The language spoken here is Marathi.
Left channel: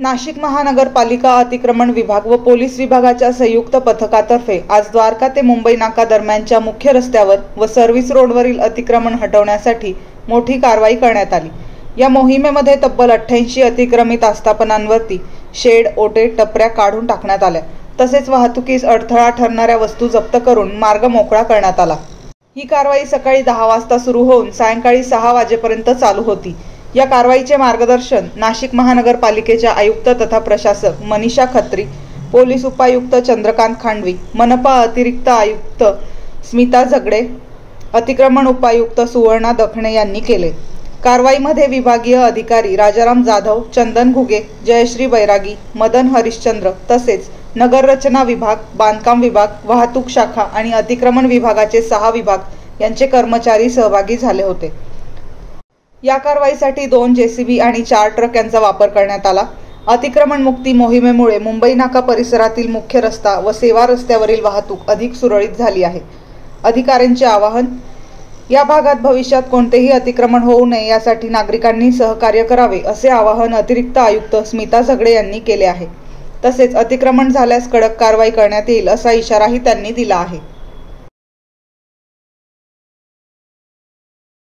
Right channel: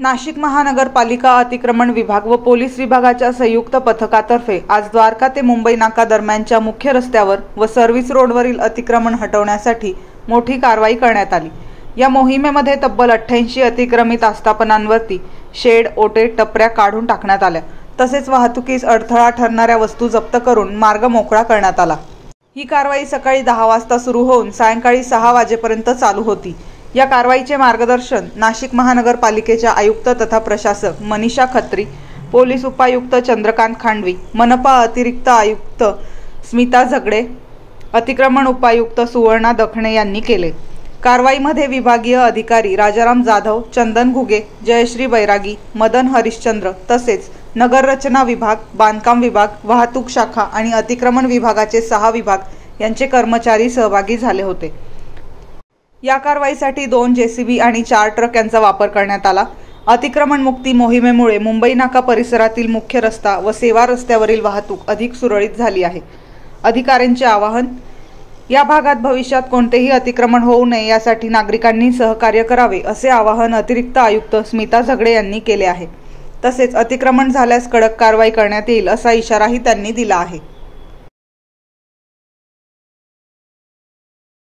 नाशिक महानगरपालिका अतिक्रमण विभाग व पोलीस विभागाच्या संयुक्त पथकातर्फे आज द्वारका ते मुंबई नाका दरम्यानच्या मुख्य रस्त्यावर व सर्व्हिस रोडवरील अतिक्रमण हटवण्यासाठी मोठी कारवाई करण्यात आली। या मोहिमेमध्ये तब्बल 88 अतिक्रमित आस्थापनांवरती शेड, ओटे, टपऱ्या काढून टाकण्यात आल्या। तसेच वाहतुकीस अडथळा ठरणाऱ्या वस्तू जप्त करून मार्ग मोकळा करण्यात आला। ही कारवाई सकाळी 10 वाजता सुरू होऊन सायंकाळी 6 वाजेपर्यंत चालू होती। या कारवाईचे मार्गदर्शन नाशिक महानगरपालिकेच्या आयुक्त तथा प्रशासक मनीषा खत्री, पोलीस उपायुक्त चंद्रकांत खांडवी, मनपा अतिरिक्त आयुक्त स्मिता झगडे, अतिक्रमण उपायुक्त सुवर्णा दखणे यांनी केले। कारवाईमध्ये विभागीय अधिकारी राजाराम जाधव, चंदन घुगे, जयश्री बैरागी, मदन हरिश्चंद्र तसेच नगररचना विभाग, बांधकाम विभाग, वाहतूक शाखा आणि अतिक्रमण विभागाचे 6 विभाग यांचे कर्मचारी सहभागी झाले होते। या कारवाईसाठी 2 JCB आणि 4 ट्रक यांचा वापर करण्यात आला। अतिक्रमण मुक्ती मोहिमेमुळे मुंबई नाका परिसरातील मुख्य रस्ता व सेवा रस्त्यावरील वाहतूक अधिक सुरळीत झाली आहे। अधिकाऱ्यांचे आवाहन, या भागात भविष्यात कोणतेही अतिक्रमण होऊ नये यासाठी नागरिकांनी सहकार्य करावे असे आवाहन अतिरिक्त आयुक्त स्मिता झगडे यांनी केले आहे। तसेच अतिक्रमण झाल्यास कडक कारवाई करण्यात येईल असा इशाराही त्यांनी दिला आहे।